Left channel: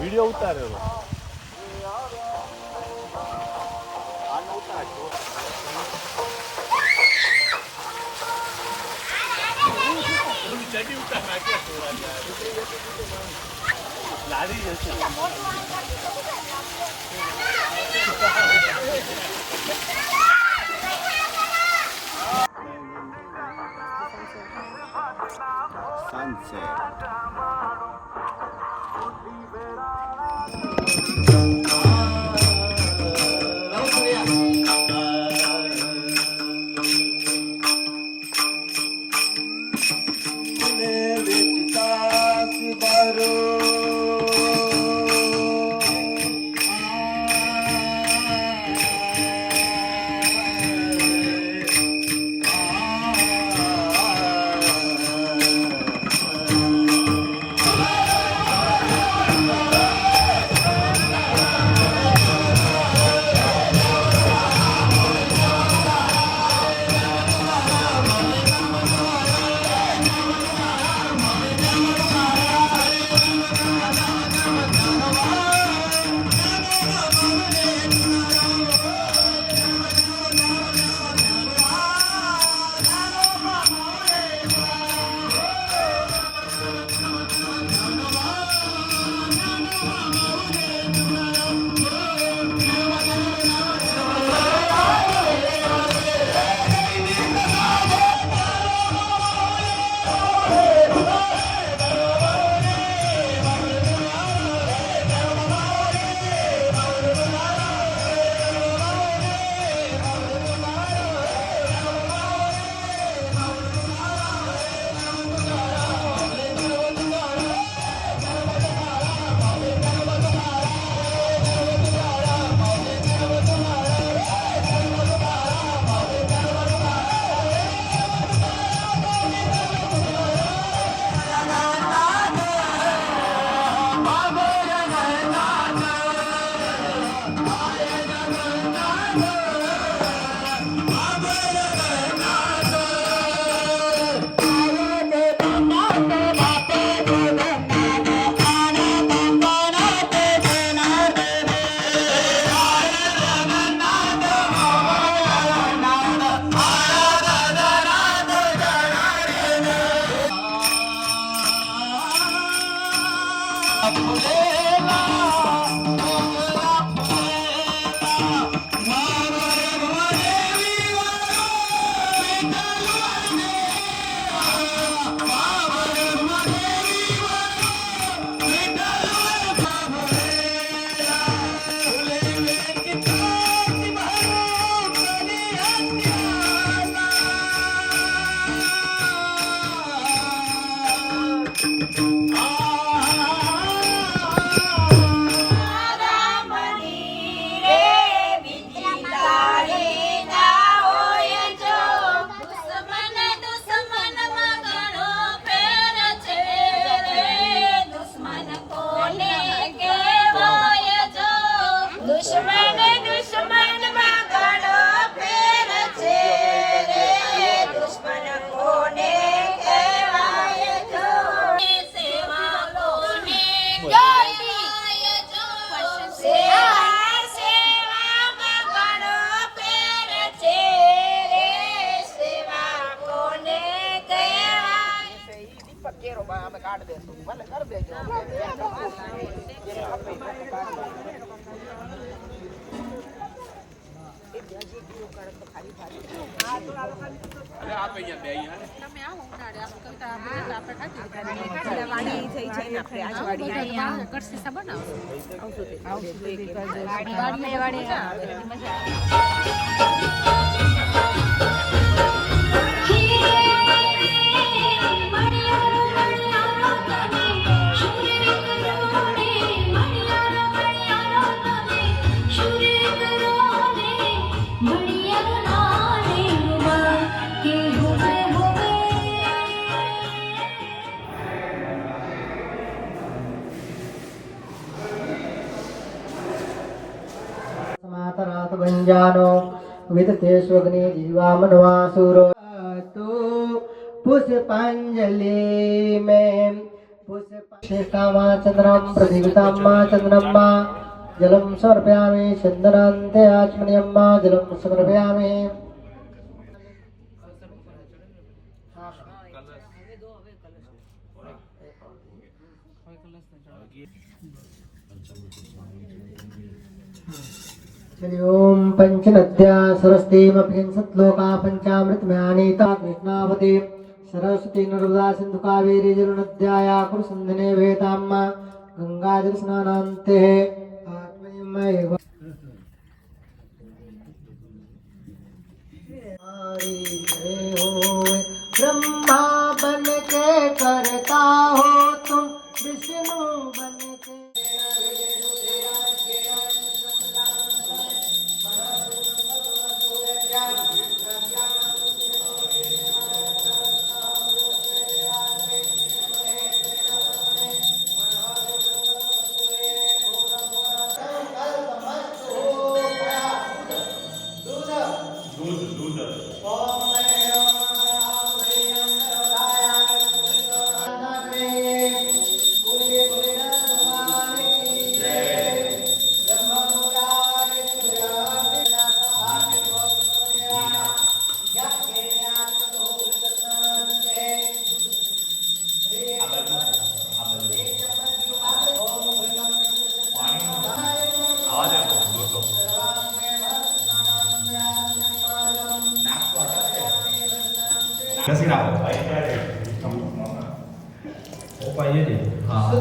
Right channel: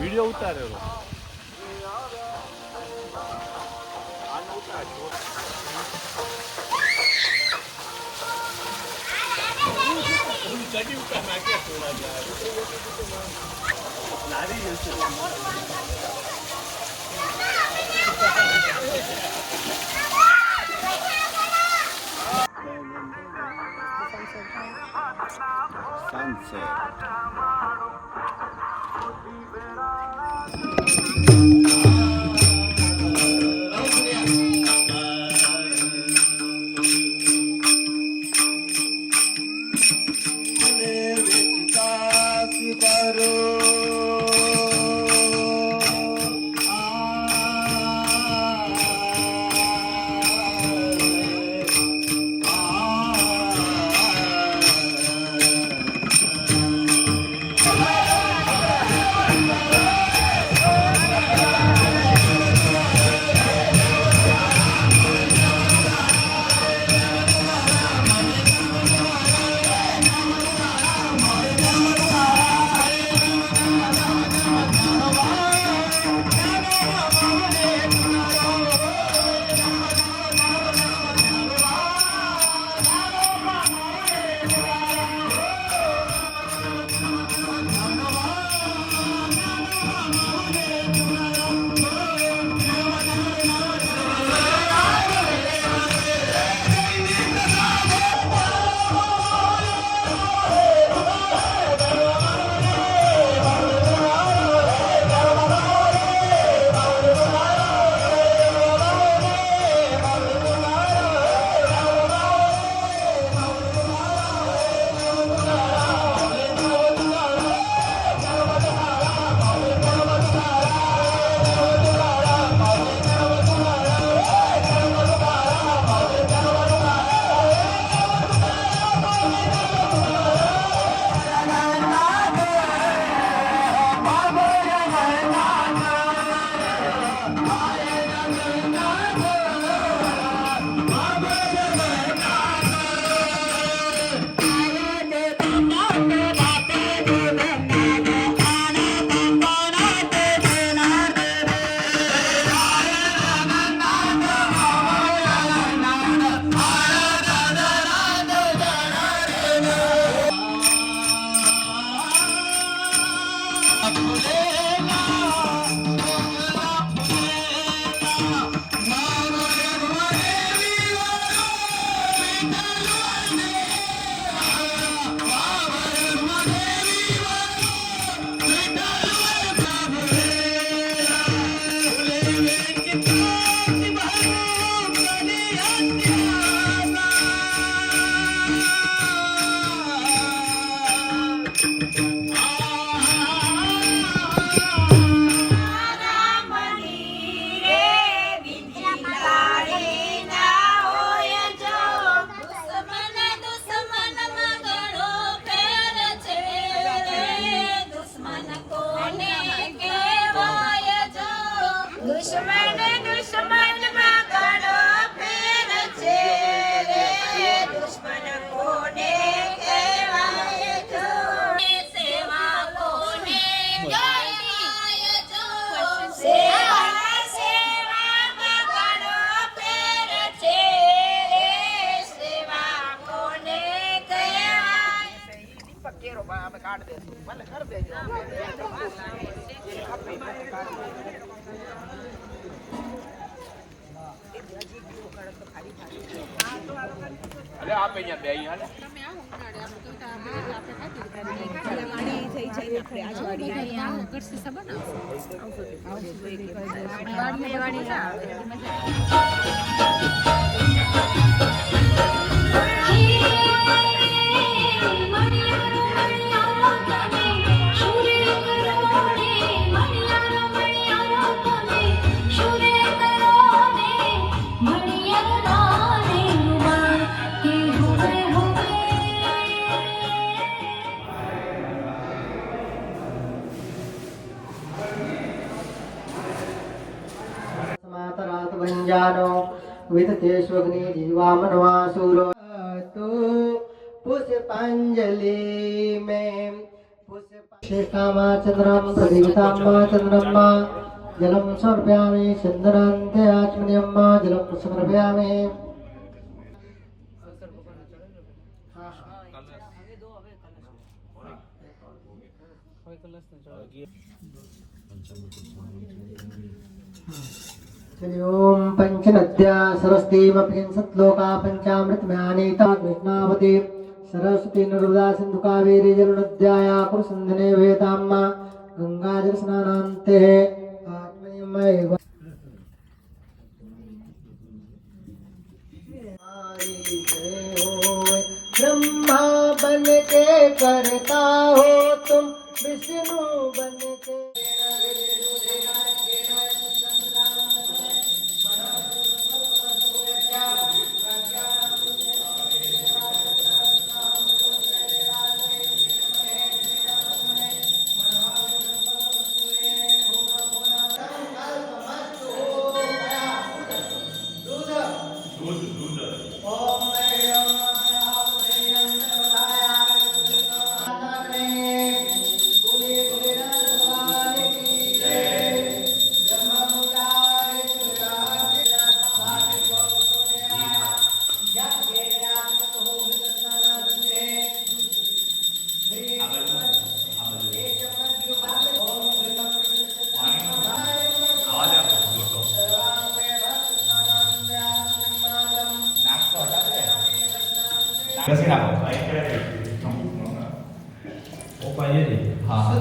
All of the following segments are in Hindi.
व्हिडिओ उतारेलो चटी उतार नाट्य थोड़ा लारी जैसे sunset. गंजानो विदतेष्वग्नि जीवामनवासुरो तु पुष्पांजलि में पुष्प श्रेष्ठामा चंद्रम प्रदीपिताम्मा चंद्रम्मा जलम समर्पयामि चंदनान्ते आचमनीयम्मा जलम समर्पयामि चलिए ओम पंचनद्या सरस्वतीमपि सत्लोका पंचामृतमयानीता कृष्णावती सरस्वती नर्मदा सिंधु कावेरी जलनद्याया कुरुसंधने वेताम्मा गंगाजल स्नानान्ते आत्मनिमय ब्रह्मा बन के करता हो तुम विष्णु बन के कैसे ना हो पाइए जी हाँ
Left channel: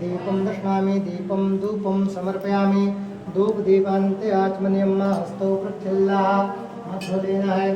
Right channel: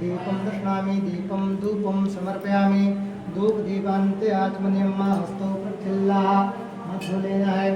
दीपं दर्शयामि दीपं धूपं समर्पयामि धूप दीपान्ते आचमनीयम्मा हस्तौ प्रत्यल्लाः हाथ धो लेना है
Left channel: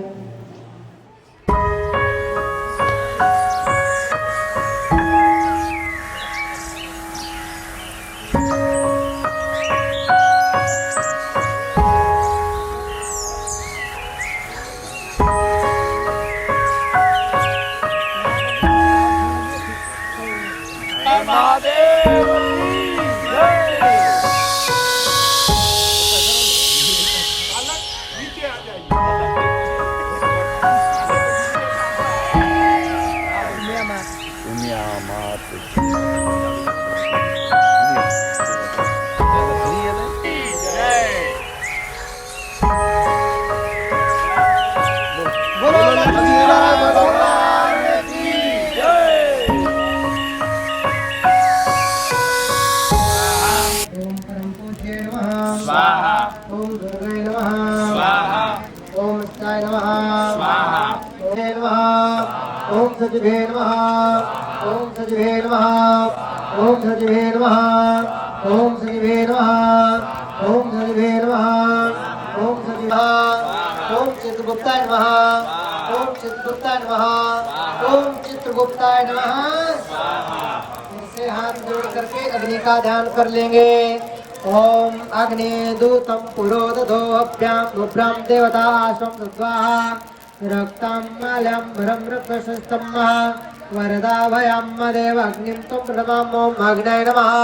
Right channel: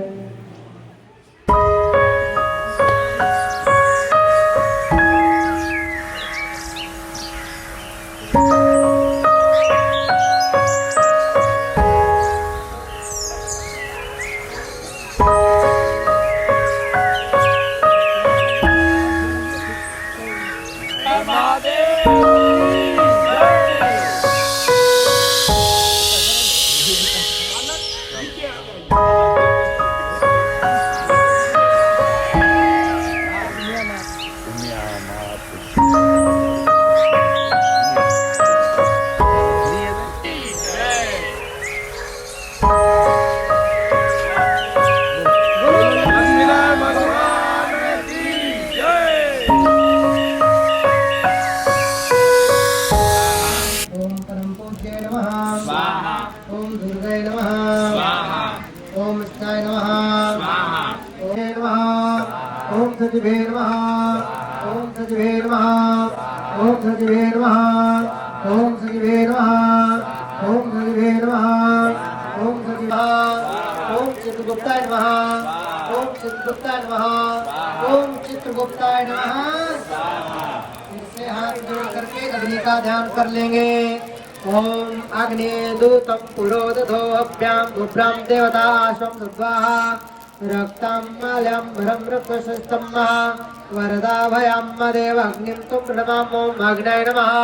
ओम दुर्गाय नमः स्वाहा ओम स्थाय नमः स्वाहा ओम सचिवे नमः ओम सचिवे नमः ओम सचिवे नमः ओम सचिवे नमः ओम सचिवे नमः ओम सचिवे ओम चित्रगुप्ताय नमः ओम चित्रगुप्ताय नमः ओम चित्रगुप्ताय नमः इससे हाथ जोड़ करके अग्नि का ध्यान कर लेंगे ओम अग्नि दूतम पुरोदधो अभ्याम नुभ्राम देवता स्वम स्वाहा रक्तां माल्यं भरं रक्तशस्त्रं वरदा भयां देव अग्निं तुम प्रणमामि ओम अग्नये नमः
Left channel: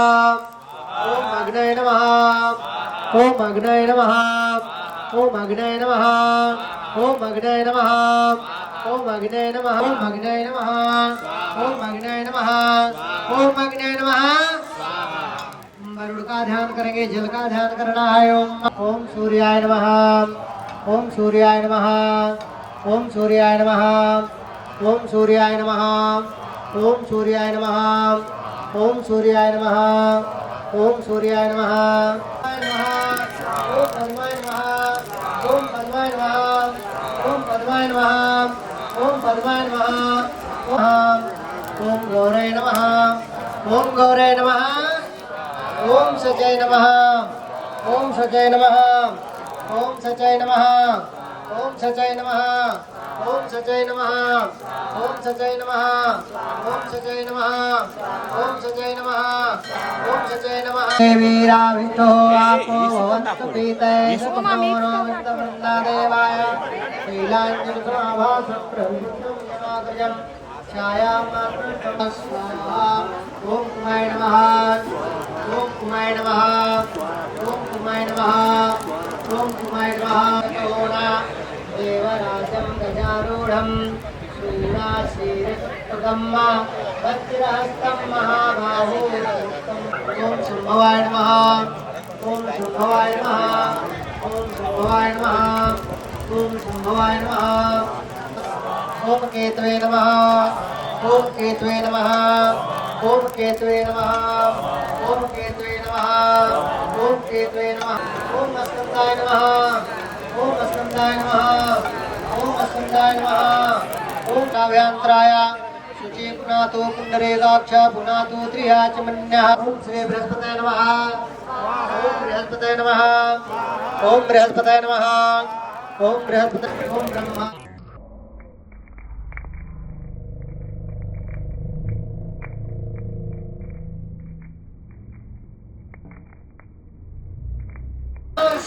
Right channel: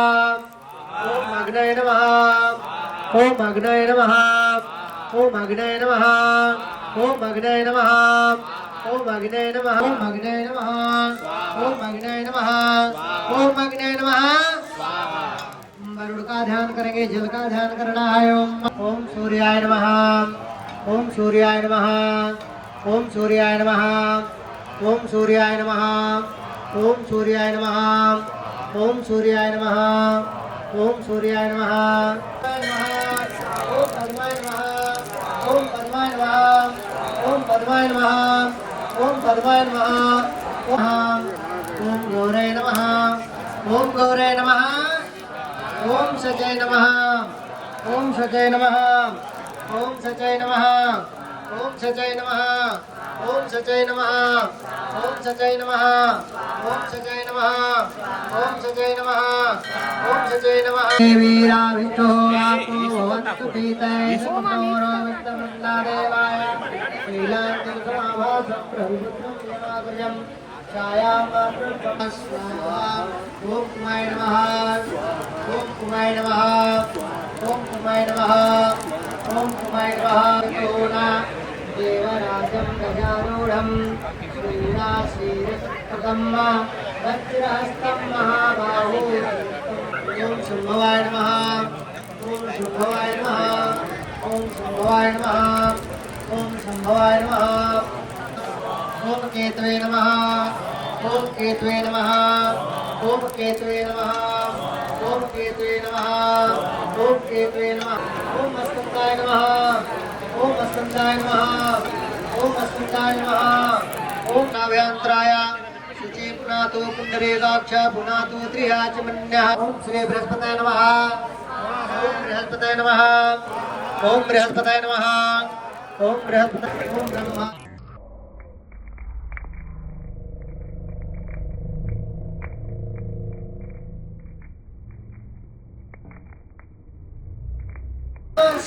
ओम अग्नये नमः ओम अग्नये नमः ओम अग्नये नमः ओम अग्नये नमः ओम अग्नये नमः ओम अग्नये नमः ओम अग्नये नमः ओम अग्नये नमः वरुण का ध्यान करेंगे जल का ध्यान करना है ओम सूर्याय नमः ओम सूर्याय नमः ओम सूर्याय नमः ओम सूर्याय नमः ओम सूर्याय नमः ओम सूर्याय नमः ओम सूर्याय नमः ओम पद्माय नमः ओम पद्माय नमः ओम पद्माय नमः ओम पद्माय नमः ओम गौरे नमः ओम गौरे नमः ओम सचय नमः ओम सचय नमः ओम सचय नमः ओम सचय नमः ओम सचय नमः ओम सचय नमः ओम सचय नमः ओम सचय नमः ओम सचय नमः वीरा विष्णु आपो वस्तु पीते सोमनो वित्तमन्ना देवाय शीलांजन समाभासं प्रभुपुत्रं यमाग्रजं छायामात्रं स्वाहा ओम कुमाय नमः ओम कुमाय नमः ओम कुमाय नमः ओम कुमाय नमः देवराजं गजारूढं शूराशीरसत्कृतं वज्रहस्तं महाबाहु ओम शुंभवाय नमः ओम शुंभवाय नमः ओम शुंभवाय नमः ओम शुंभवाय नमः ओम केतवे नमः ओम केतवे नमः ओम केतवे नमः ओम केतवे नमः ओम केतवे नमः ओम वसंताय नमः ओम वसंताय नमः ओम वसंताय नमः ओम काव्यांतराय शुचि पुनातो पुंडरीकाक्ष पुनातो त्रियाचमन्यः ओम श्री बृहस्पतये नमः ओम बृहस्पतये नमः ओम बृहस्पतये नमः ओम बृहस्पतये ओम ब्रह्मा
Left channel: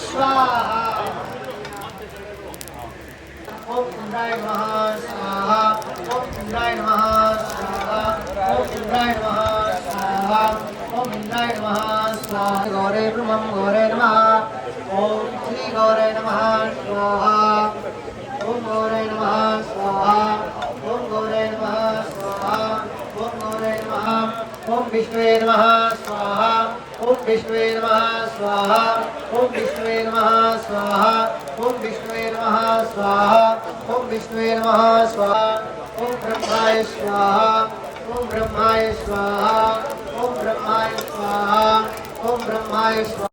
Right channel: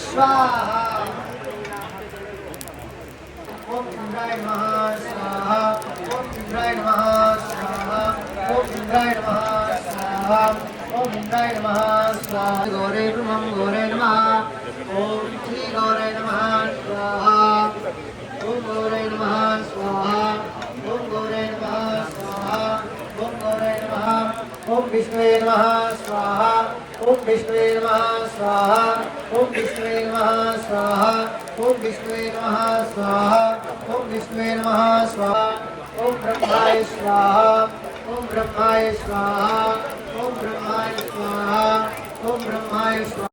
स्वाहा ओम इंद्राय नमः स्वाहा ओम इंद्राय नमः स्वाहा ओम इंद्राय नमः स्वाहा ओम इंद्राय नमः स्वाहा गौरे नमः ओम श्री गौरे नमः स्वाहा ओम गौरे नमः स्वाहा ओम गौरे नमः स्वाहा ओम गौरे नमः ओम विष्णुवे नमः स्वाहा ओम विष्णुवे नमः स्वाहा ओम विष्णुवे नमः स्वाहा ओम विष्णुवे नमः स्वाहा ओम विष्णुवे नमः स्वाहा ओम ब्रह्माय स्वाहा ओम ब्रह्माय स्वाहा ओम ब्रह्माय स्वाहा ओम ब्रह्माय स्वाहा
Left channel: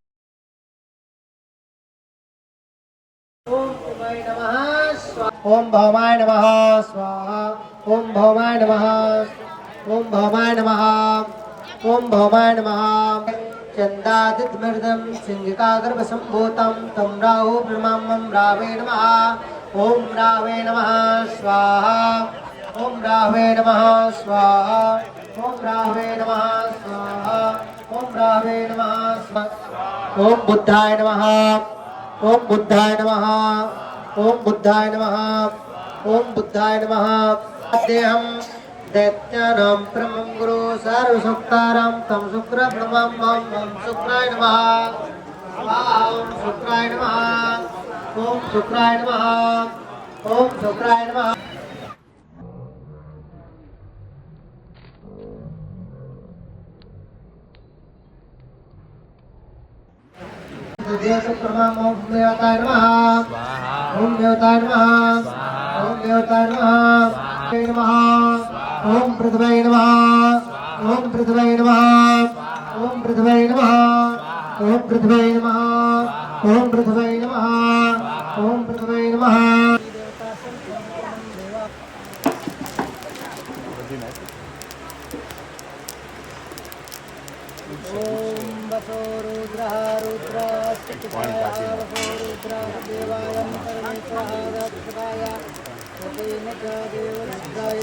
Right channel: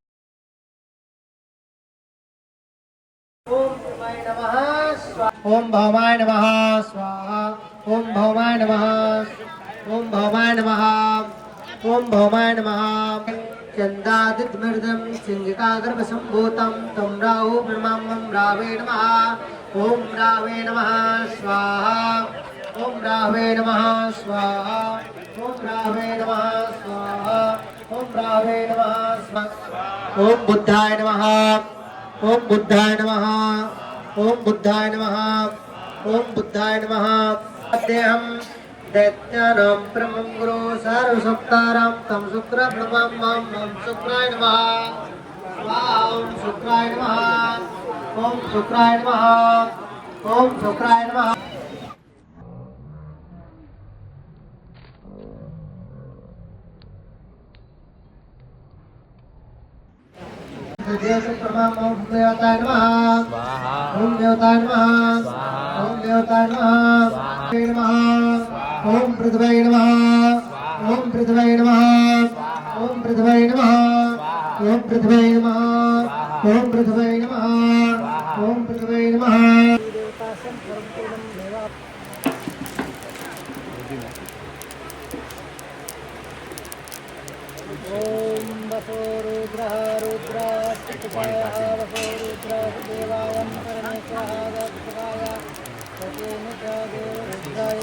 ओम भवाय नमः स्वाहा ओम भवाय नमः स्वाहा ओम भवाय नमः ओम भवाय नमः ओम भवाय नमः चंदादितमृदं सिंहिकागर्भसम्भूतं तं राहु प्रणमामं रावे नमः ओम रावे नमः स्वाहा ओम रावे नमः स्वाहा ओम रावे नमः स्वाहा ओम रावे नमः स्वाहा ओम बुद्धाय नमः ओम बुद्धाय नमः ओम बुद्धाय नमः ओम बुद्धाय नमः अद्यहं दैत्यानां परमं गुरु सर्वसुक्तारं तं शुक्रब्रह्मं ओम शुक्राय नमः स्वाहा ओम शुक्राय नमः ओम शुक्राय नमः ओम शुक्राय नमः देवताय नमः ओम देवताय नमः ओम देवताय नमः ओम देवताय नमः ओम पृथ्वी नमः ओम पृथ्वी नमः ओम पृथ्वी नमः ओम पृथ्वी नमः ओम पृथ्वी नमः ओम पृथ्वी नमः ओम वसो रुद्रः रुद्राश्चकाय वसो रुद्राः देवायं परमेश्वरः दक्षकाय सतेन च देवरुद्राय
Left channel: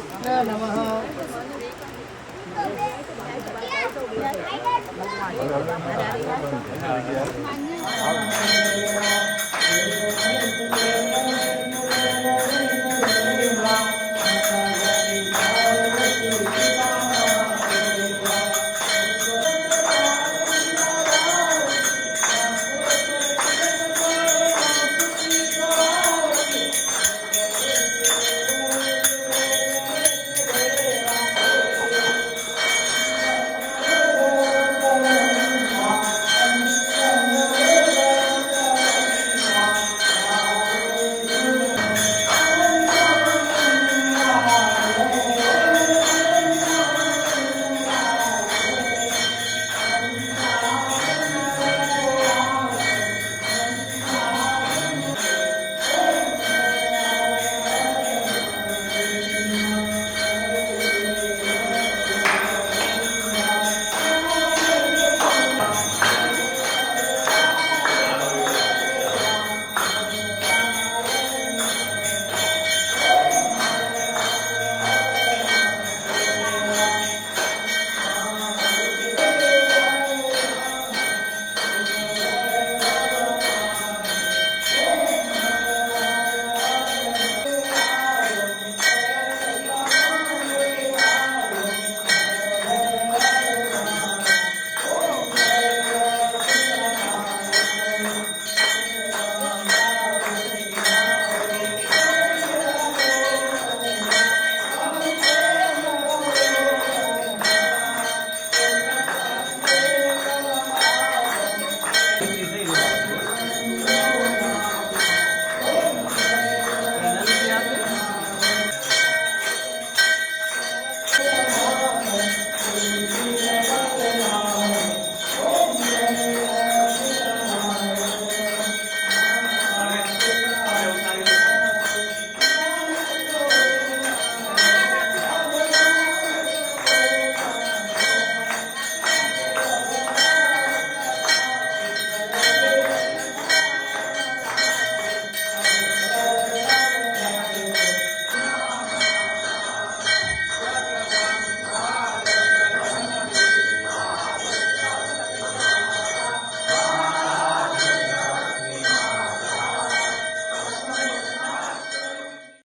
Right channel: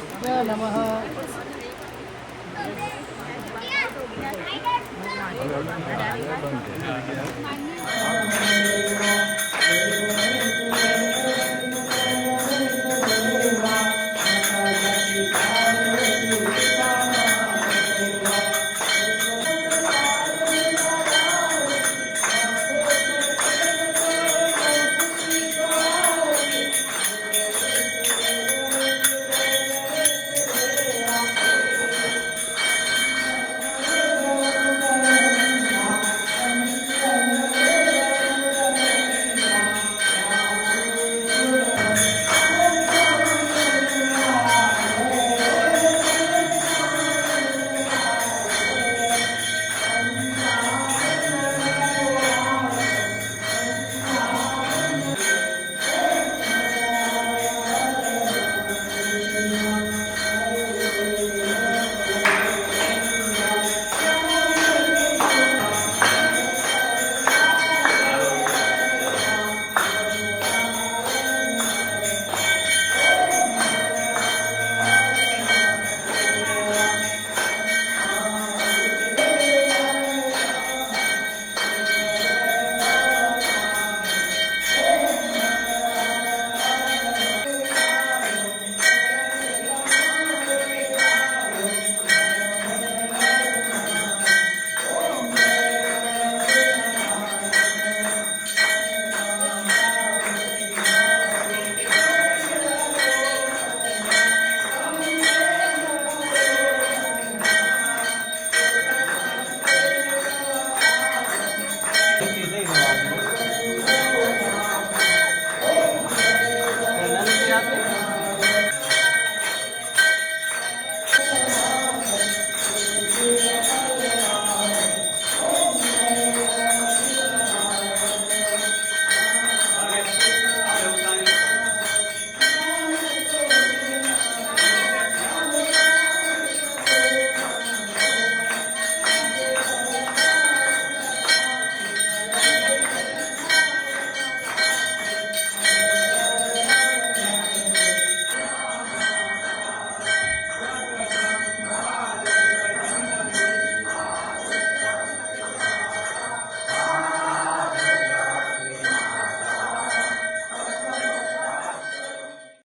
नमः Om